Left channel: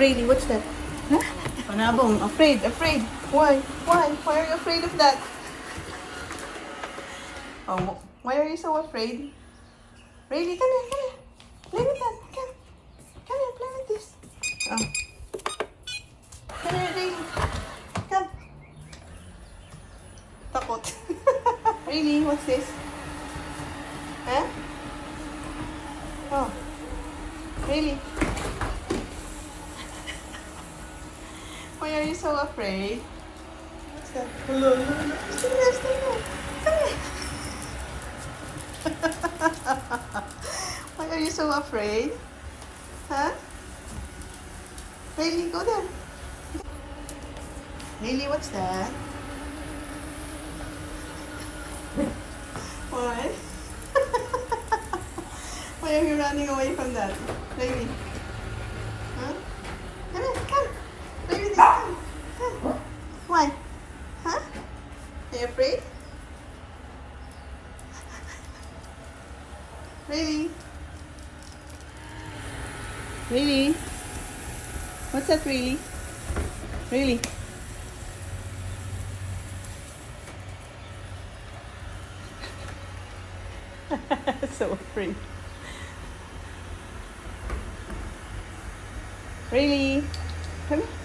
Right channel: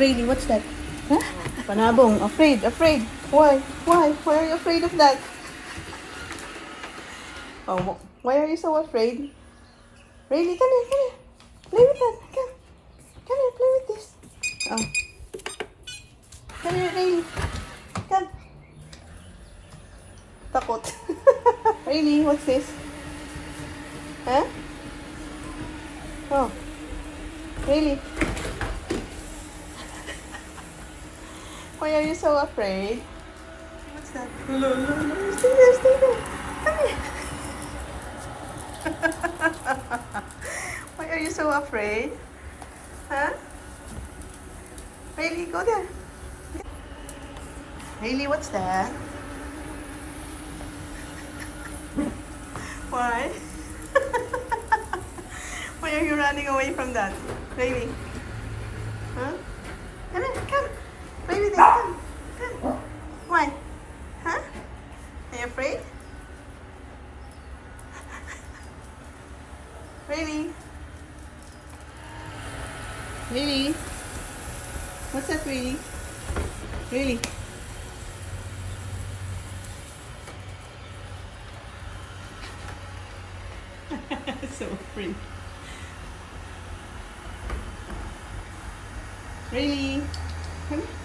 Really, what's that? Huh? Panabong, afraid, afraid. Why? Why? Why are you afraid of that? Oh, why are you so afraid? Really, come here, come here. Play with that. Come. Come here, play with this. Oh. Come here, Really. Come. Takot. Really, what's this? Huh? Oh. Really? Why are you so afraid? What's that? Stay there, stay there. Come here. Why are you so afraid? Huh? Haley, go there. Haley, what's that? Why? Why are you running away from that? Haley? Huh? Come here, come. Play with this, come. Come. Why? Huh? Are you afraid? Really? Really? What's that, really? Really? So afraid. Really? Come here.